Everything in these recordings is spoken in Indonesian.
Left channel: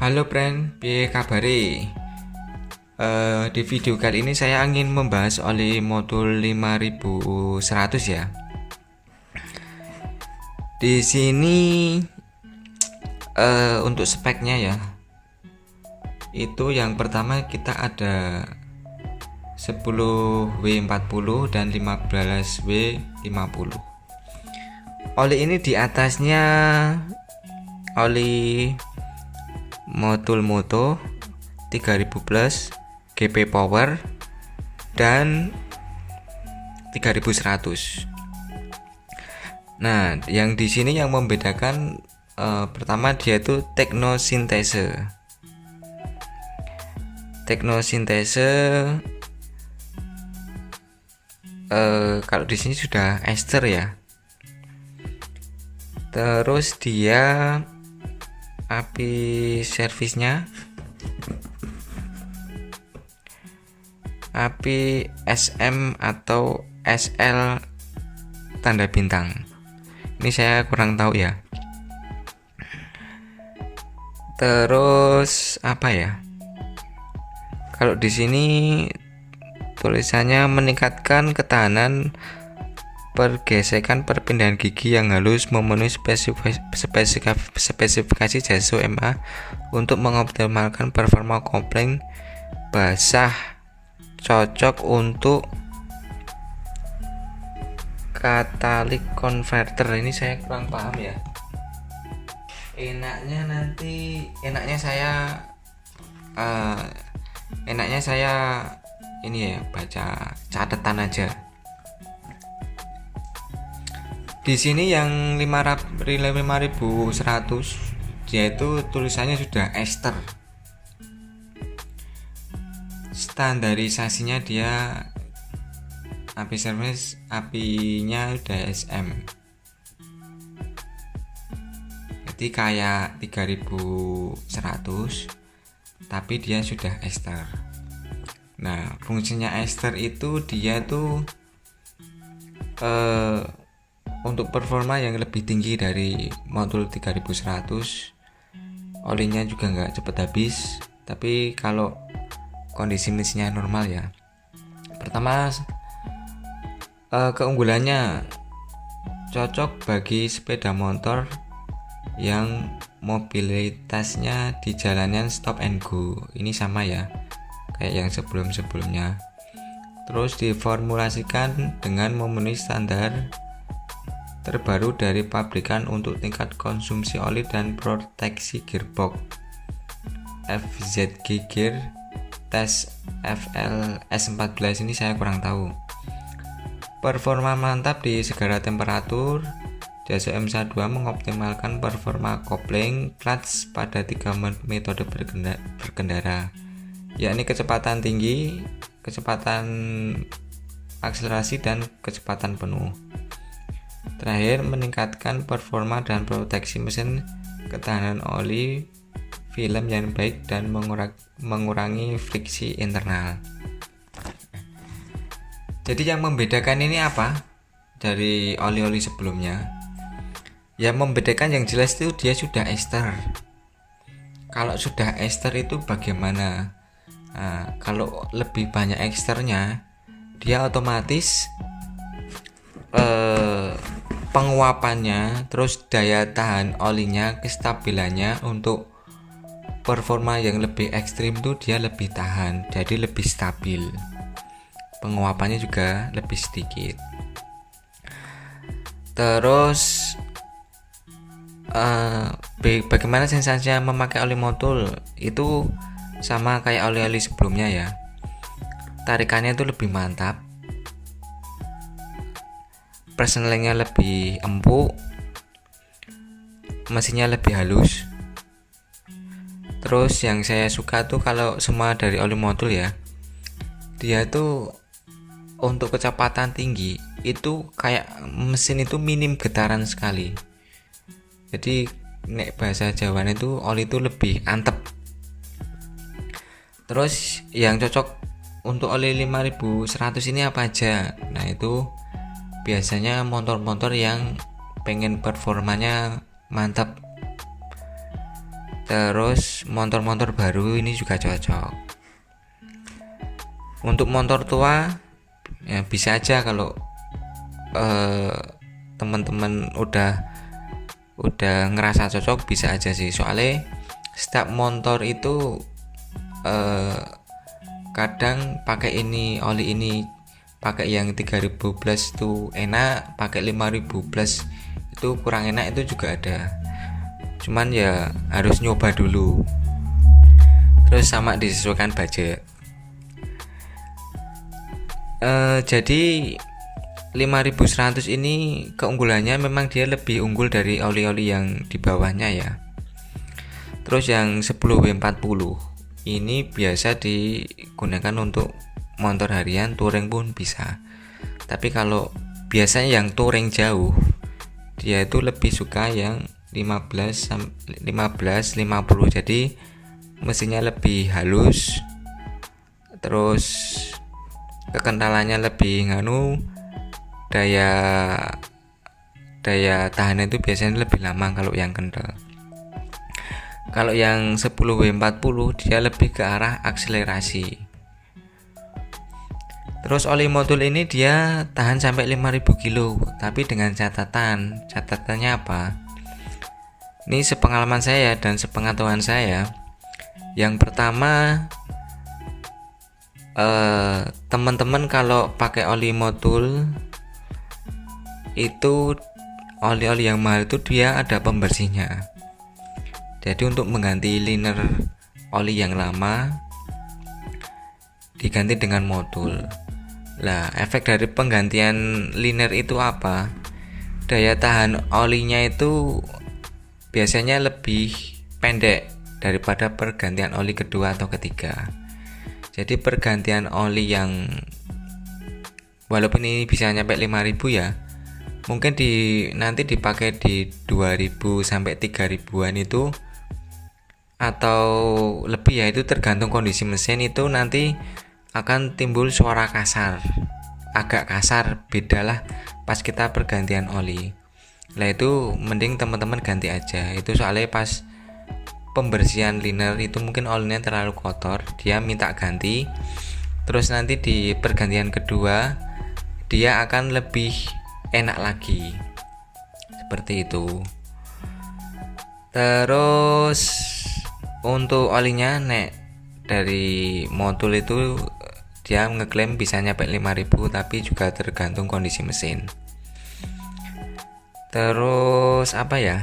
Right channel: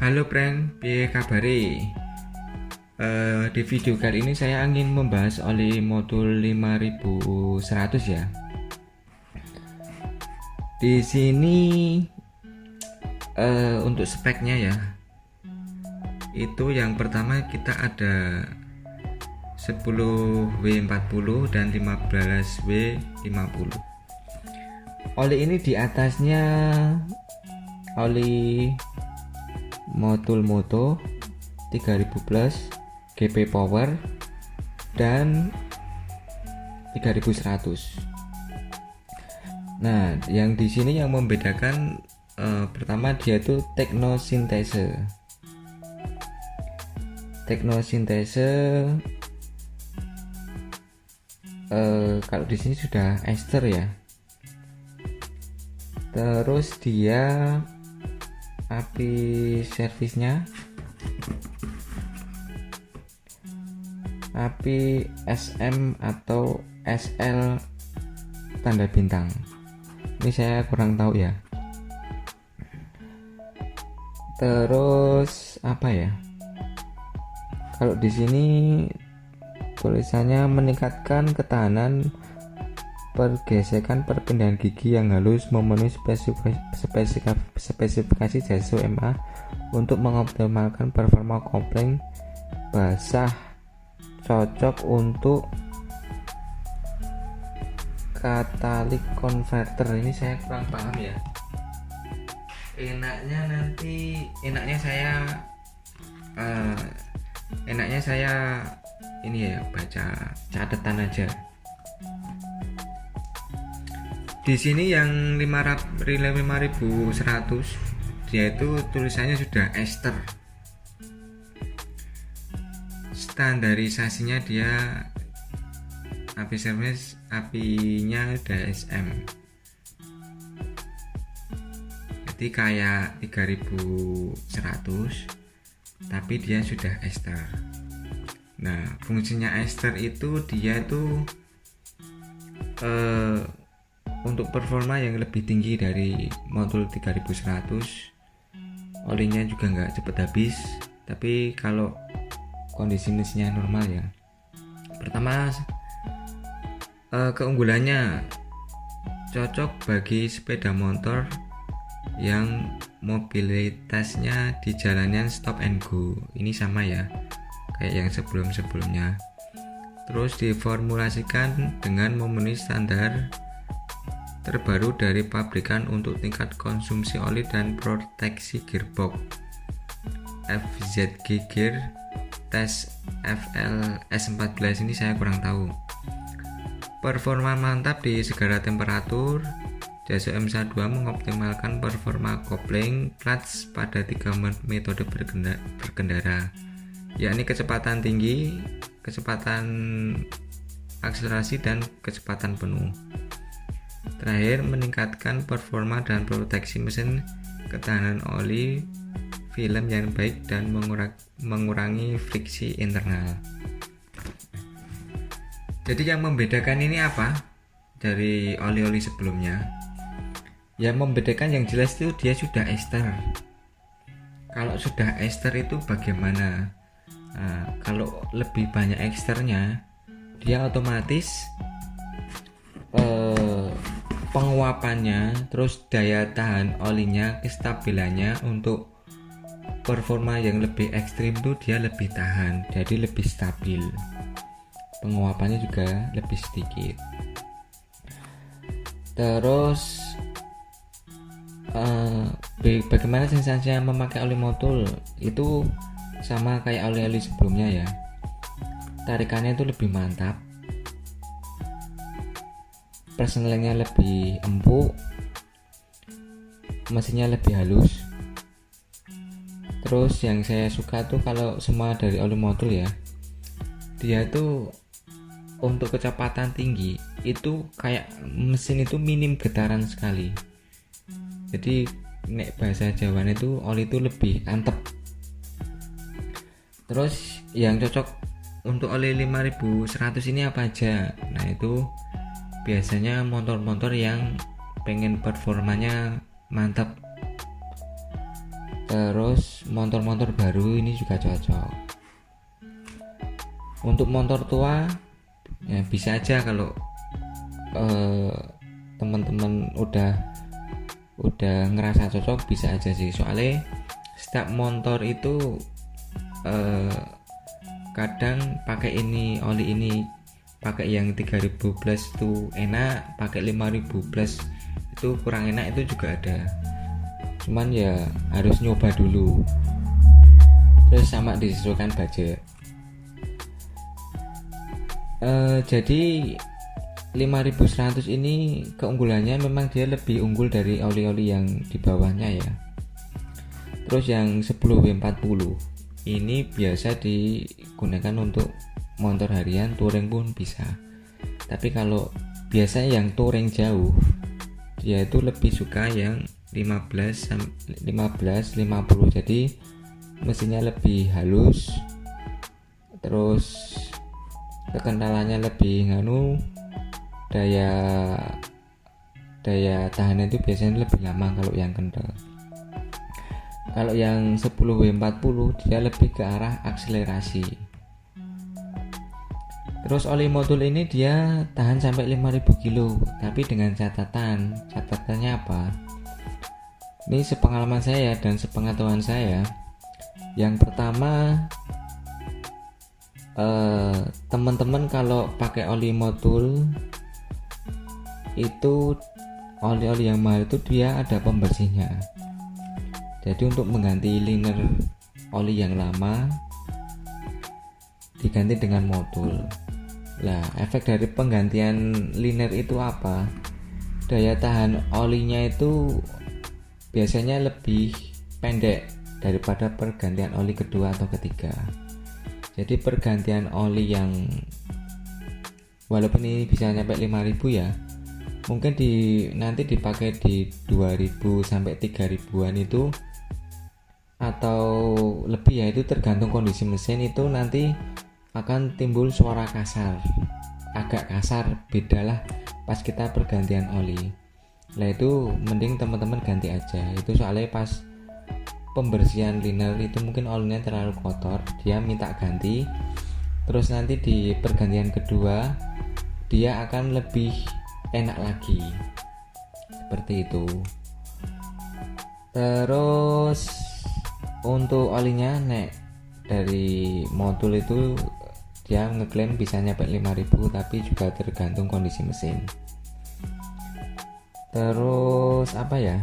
Halo friend, piye kabare? Di video kali ini saya ingin membahas oli modul 5100 ya. Di sini untuk speknya ya. Itu yang pertama kita ada 10W40 dan 15W50. Oli ini di atasnya oli modul moto 3000 plus GP power dan 3100. Nah, yang di sini yang membedakan pertama dia itu teknosintese. Kalau di sini sudah ester ya. Terus dia api servisnya api SM atau SL tanda bintang. Ini saya kurang tahu ya. Terus apa ya? Kalau di sini tulisannya meningkatkan ketahanan pergesekan perpindahan gigi yang halus memenuhi spesifikasi JASO MA untuk mengoptimalkan performa kopling basah, cocok untuk catalytic converter. Ini saya kurang paham ya. Enaknya saya ini ya, baca catatan aja. Di sini yang 5100 dia itu tulisannya sudah ester. Standarisasinya dia api servis, apinya udah SM. Jadi kayak 3100 tapi dia sudah ester. Nah, fungsinya ester itu dia tuh untuk performa yang lebih tinggi dari modul 3100, olinya juga nggak cepet habis. Tapi kalau kondisi mesinnya normal ya. Pertama, keunggulannya cocok bagi sepeda motor yang mobilitasnya di jalanan stop and go. Ini sama ya kayak yang sebelum-sebelumnya. Terus diformulasikan dengan memenuhi standar terbaru dari pabrikan untuk tingkat konsumsi oli dan proteksi gearbox. FZG Gear tes FLS14 ini saya kurang tahu. Performa mantap di segala temperatur. JASO MSA2 mengoptimalkan performa kopling clutch pada 3 metode berkendara, yakni kecepatan tinggi, kecepatan akselerasi, dan kecepatan penuh. Terakhir, meningkatkan performa dan proteksi mesin, ketahanan oli, film yang baik, dan mengurangi friksi internal. Jadi yang membedakan ini apa dari oli-oli sebelumnya? Yang membedakan yang jelas itu dia sudah ester. Kalau sudah ester itu bagaimana? Nah, kalau lebih banyak esternya, dia otomatis penguapannya, terus daya tahan olinya, kestabilannya untuk performa yang lebih ekstrim tuh dia lebih tahan, jadi lebih stabil. Penguapannya juga lebih sedikit. Terus bagaimana sensasinya memakai oli modul? Itu sama kayak oli-oli sebelumnya ya. Tarikannya itu lebih mantap, persenelingnya lebih empuk, mesinnya lebih halus. Terus yang saya suka tuh kalau semua dari oli modul ya, dia tuh untuk kecepatan tinggi itu kayak mesin itu minim getaran sekali. Jadi nek bahasa Jawa itu oli itu lebih antep. Terus yang cocok untuk oli 5100 ini apa aja? Nah, itu biasanya motor-motor yang pengen performanya mantap. Terus motor-motor baru ini juga cocok. Untuk motor tua ya bisa aja kalau teman-teman udah ngerasa cocok, bisa aja sih. Soalnya setiap motor itu kadang pakai ini oli ini, pakai yang 3000 plus tuh enak, pakai 5000 plus itu kurang enak, itu juga ada. Cuman ya harus nyoba dulu, terus sama disesuaikan budget. Jadi 5100 ini keunggulannya memang dia lebih unggul dari oli-oli yang di bawahnya ya. Terus yang 10W40 ini biasa digunakan untuk motor harian, touring pun bisa. Tapi kalau biasanya yang touring jauh, dia itu lebih suka yang 15 50, jadi mesinnya lebih halus, terus kekentalannya lebih daya tahannya itu biasanya lebih lama kalau yang kental. Kalau yang 10W40 dia lebih ke arah akselerasi. Terus oli modul ini dia tahan sampai 5000 kilo, tapi dengan catatannya apa? Ini sepengalaman saya dan sepengetahuan saya. Yang pertama, teman-teman kalau pakai oli modul itu, oli-oli yang mahal itu dia ada pembersihnya. Jadi untuk mengganti liner oli yang lama diganti dengan modul. Lah, efek dari penggantian liner itu apa? Daya tahan olinya itu biasanya lebih pendek daripada pergantian oli kedua atau ketiga. Jadi pergantian oli yang walaupun ini bisa nyampe 5000 ya, mungkin nanti dipakai di 2000 sampai 3000-an itu atau lebih ya, itu tergantung kondisi mesin. Itu nanti akan timbul suara kasar, agak kasar, bedalah pas kita pergantian oli. Lah itu mending teman-teman ganti aja. Itu soalnya pas pembersihan liner itu mungkin olinya terlalu kotor, dia minta ganti. Terus nanti di pergantian kedua dia akan lebih enak lagi, seperti itu. Terus untuk olinya dari modul itu dia ngeklaim bisa nyampe 5000, tapi juga tergantung kondisi mesin. Terus apa ya,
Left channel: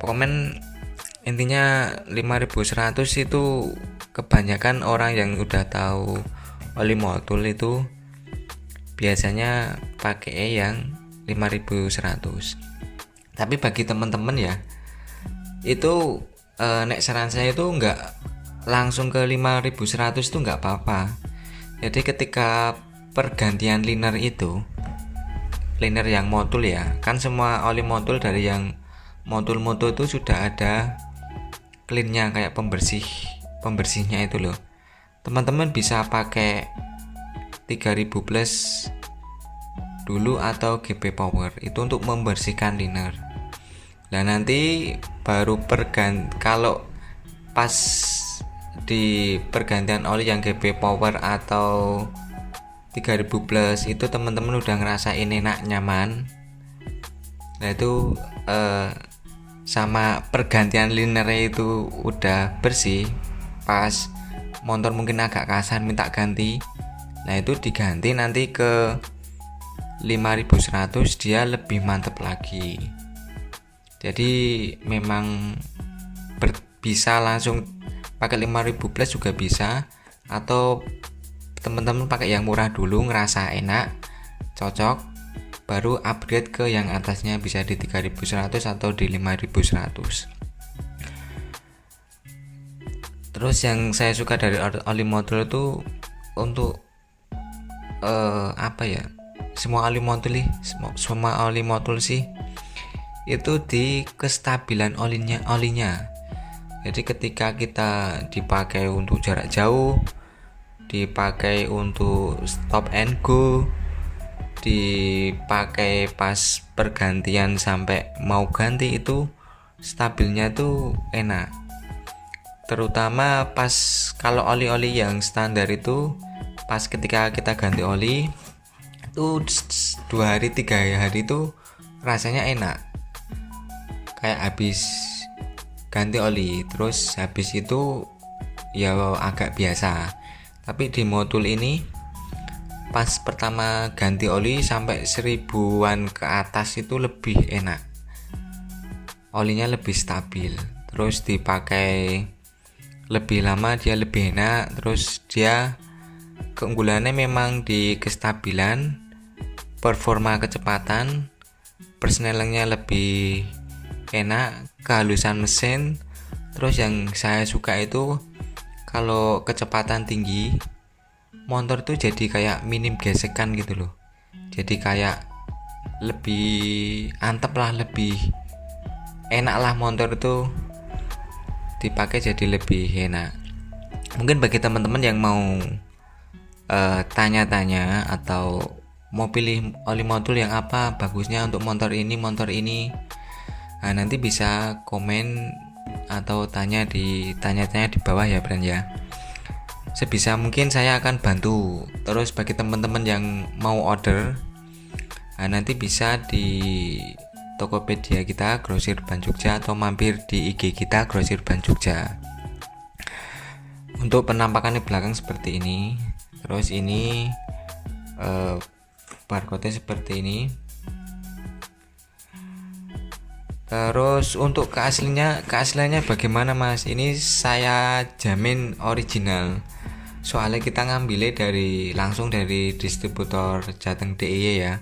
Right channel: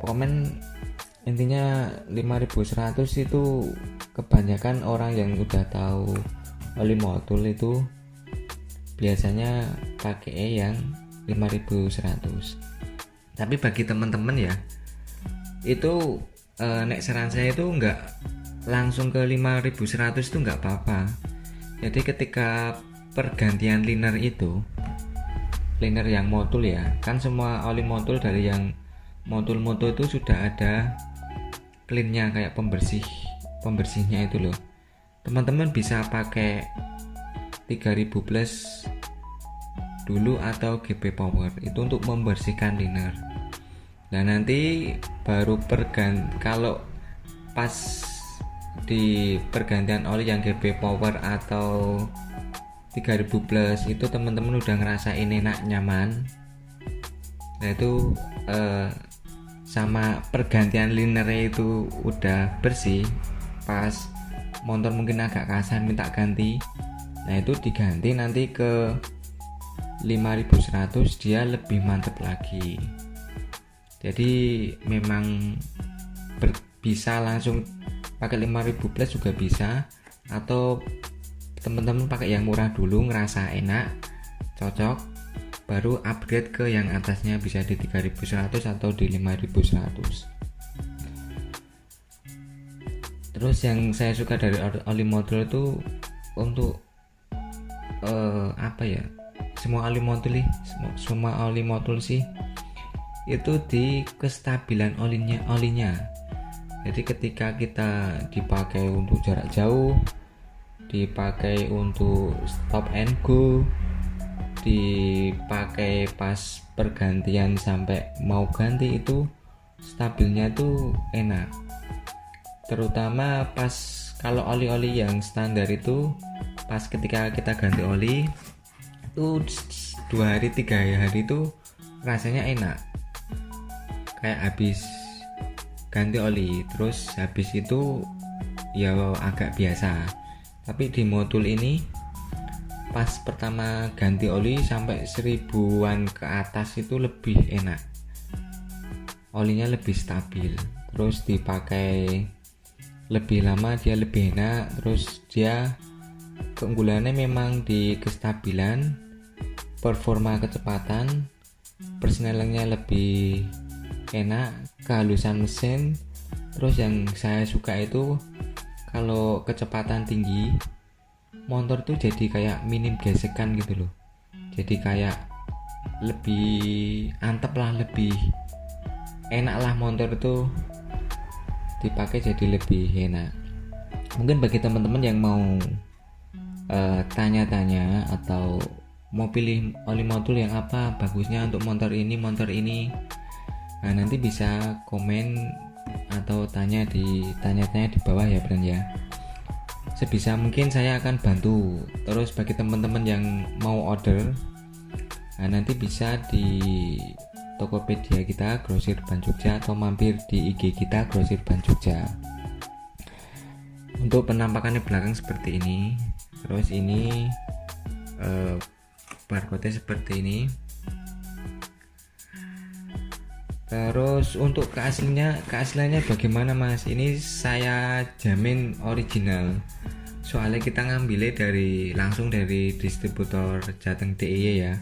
pokoknya intinya 5100 itu kebanyakan orang yang udah tahu oli modul itu biasanya pakai yang 5100. Tapi bagi teman-teman ya, itu nek saran saya itu nggak langsung ke 5100 itu nggak apa-apa. Jadi ketika pergantian liner itu, liner yang modul ya, kan semua oli modul dari yang modul-modul itu sudah ada cleannya, kayak pembersihnya itu loh. Teman-teman bisa pakai 3000 plus dulu atau GP Power itu untuk membersihkan liner. Nah nanti baru kalau pas di pergantian oli yang GP Power atau 3000 plus itu teman-teman udah ngerasain enak, nyaman. Nah itu sama pergantian linernya itu udah bersih, pas motor mungkin agak kasar minta ganti, nah itu diganti nanti ke 5100, dia lebih mantep lagi. Jadi memang bisa langsung pakai 5000 plus juga bisa, atau teman-teman pakai yang murah dulu ngerasa enak, cocok, baru upgrade ke yang atasnya, bisa di 3100 atau di 5100. Terus yang saya suka dari oli modul itu untuk apa ya, semua oli modul sih itu di kestabilan olinya. Jadi ketika kita dipakai untuk jarak jauh, dipakai untuk stop and go, dipakai pas pergantian sampai mau ganti itu stabilnya tuh enak, terutama pas kalau oli-oli yang standar itu pas ketika kita ganti oli itu 2 hari 3 hari itu rasanya enak, kayak habis ganti oli terus habis itu ya agak biasa. Tapi di modul ini pas pertama ganti oli sampai 1000-an ke atas itu lebih enak, olinya lebih stabil, terus dipakai lebih lama dia lebih enak. Terus dia keunggulannya memang di kestabilan, performa kecepatan, persnelingnya lebih enak, kehalusan mesin. Terus yang saya suka itu kalau kecepatan tinggi motor tuh jadi kayak minim gesekan gitu loh, jadi kayak lebih antep lah, lebih enak lah, motor itu dipakai jadi lebih enak. Mungkin bagi teman-teman yang mau tanya-tanya atau mau pilih oli modul yang apa bagusnya untuk motor ini, nanti bisa komen atau tanya di bawah ya friend ya. Sebisa mungkin saya akan bantu. Terus bagi teman-teman yang mau order, nanti bisa di Tokopedia kita Grosir Ban Jogja atau mampir di IG kita Grosir Ban Jogja. Untuk penampakannya belakang seperti ini. Terus ini barcode seperti ini. Terus untuk keasliannya bagaimana mas? Ini saya jamin original. Soalnya kita ngambilnya langsung dari distributor Jateng DIY ya.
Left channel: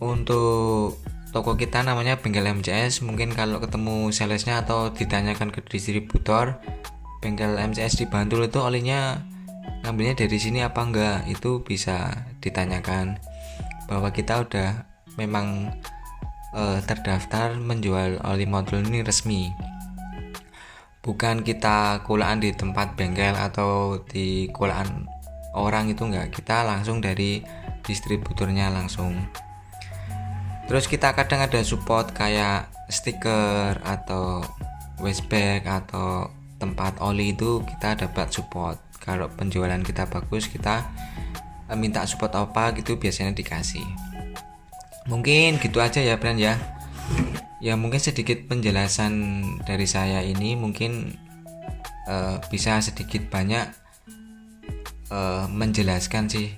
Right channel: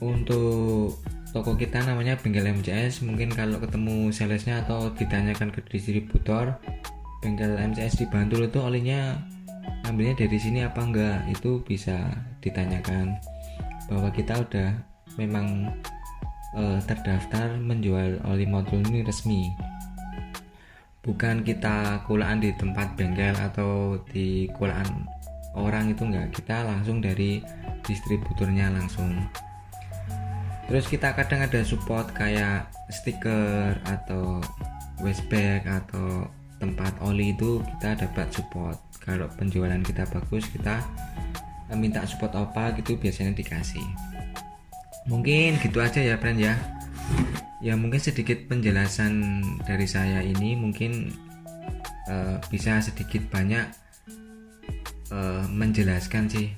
Untuk toko kita namanya Bengkel MCS. Mungkin kalau ketemu salesnya atau ditanyakan ke distributor Bengkel MCS di Bantul itu olinya ngambilnya dari sini apa enggak, itu bisa ditanyakan, bahwa kita udah memang terdaftar menjual oli modul ini resmi, bukan kita kulaan di tempat bengkel atau di kulaan orang, itu enggak, kita langsung dari distributornya langsung. Terus kita kadang ada support kayak stiker atau waste atau tempat oli, itu kita dapat support. Kalau penjualan kita bagus, kita minta support apa gitu biasanya dikasih. Mungkin gitu aja ya friend ya. Ya mungkin sedikit penjelasan dari saya ini, mungkin bisa sedikit banyak menjelaskan sih.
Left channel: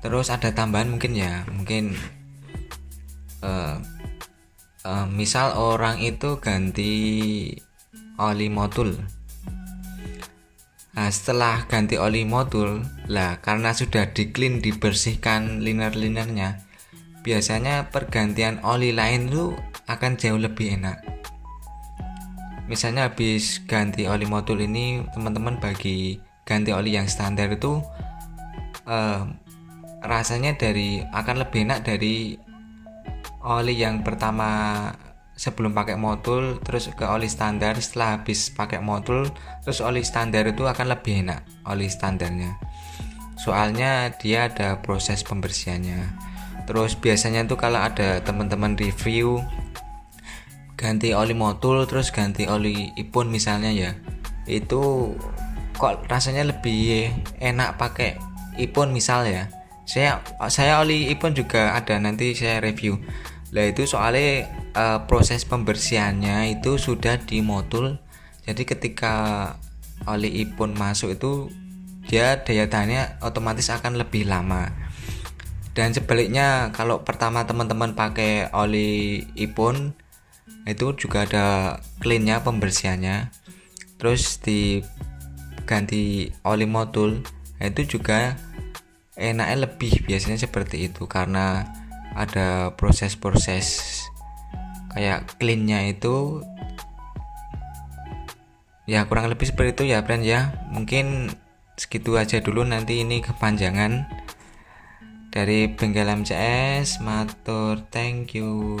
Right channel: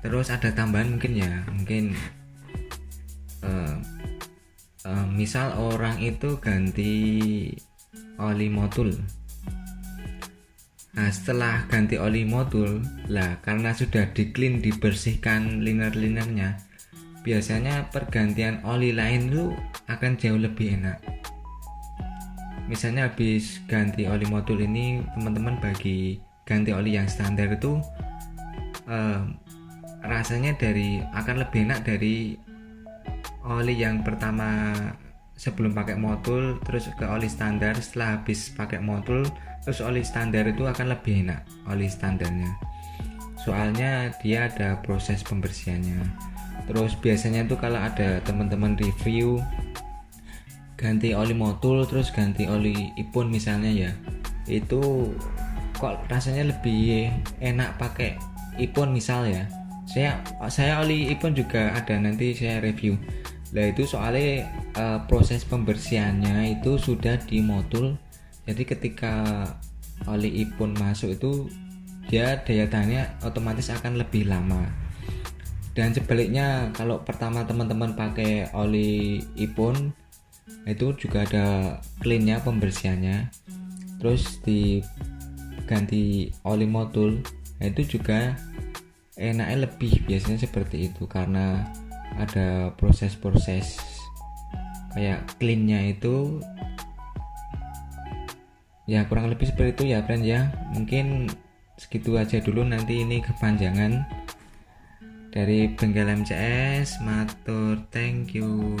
Terus ada tambahan mungkin ya, mungkin misal orang itu ganti oli modul. Nah, setelah ganti oli modul lah, karena sudah di clean, dibersihkan liner-linernya, biasanya pergantian oli lain itu akan jauh lebih enak. Misalnya habis ganti oli modul ini, teman-teman bagi ganti oli yang standar itu rasanya akan lebih enak dari oli yang pertama sebelum pakai modul terus ke oli standar. Setelah habis pakai modul terus oli standar itu akan lebih enak oli standarnya, soalnya dia ada proses pembersihannya. Terus biasanya tuh kalau ada teman-teman review ganti oli modul terus ganti oli ipon misalnya ya, itu kok rasanya lebih enak pakai ipon misal ya. Saya oli ipon juga ada, nanti saya review lah. Itu soalnya proses pembersihannya itu sudah di modul, jadi ketika oli ipon masuk itu dia daya tahannya otomatis akan lebih lama. Dan sebaliknya kalau pertama teman-teman pakai oli ipon itu juga ada cleannya, pembersihannya, terus diganti oli modul itu juga enaknya lebih, biasanya seperti itu, karena ada proses-proses kayak cleannya itu ya, kurang lebih seperti itu ya friend ya. Mungkin segitu aja dulu, nanti ini kepanjangan. Dari Bengkel MCS matur, thank you.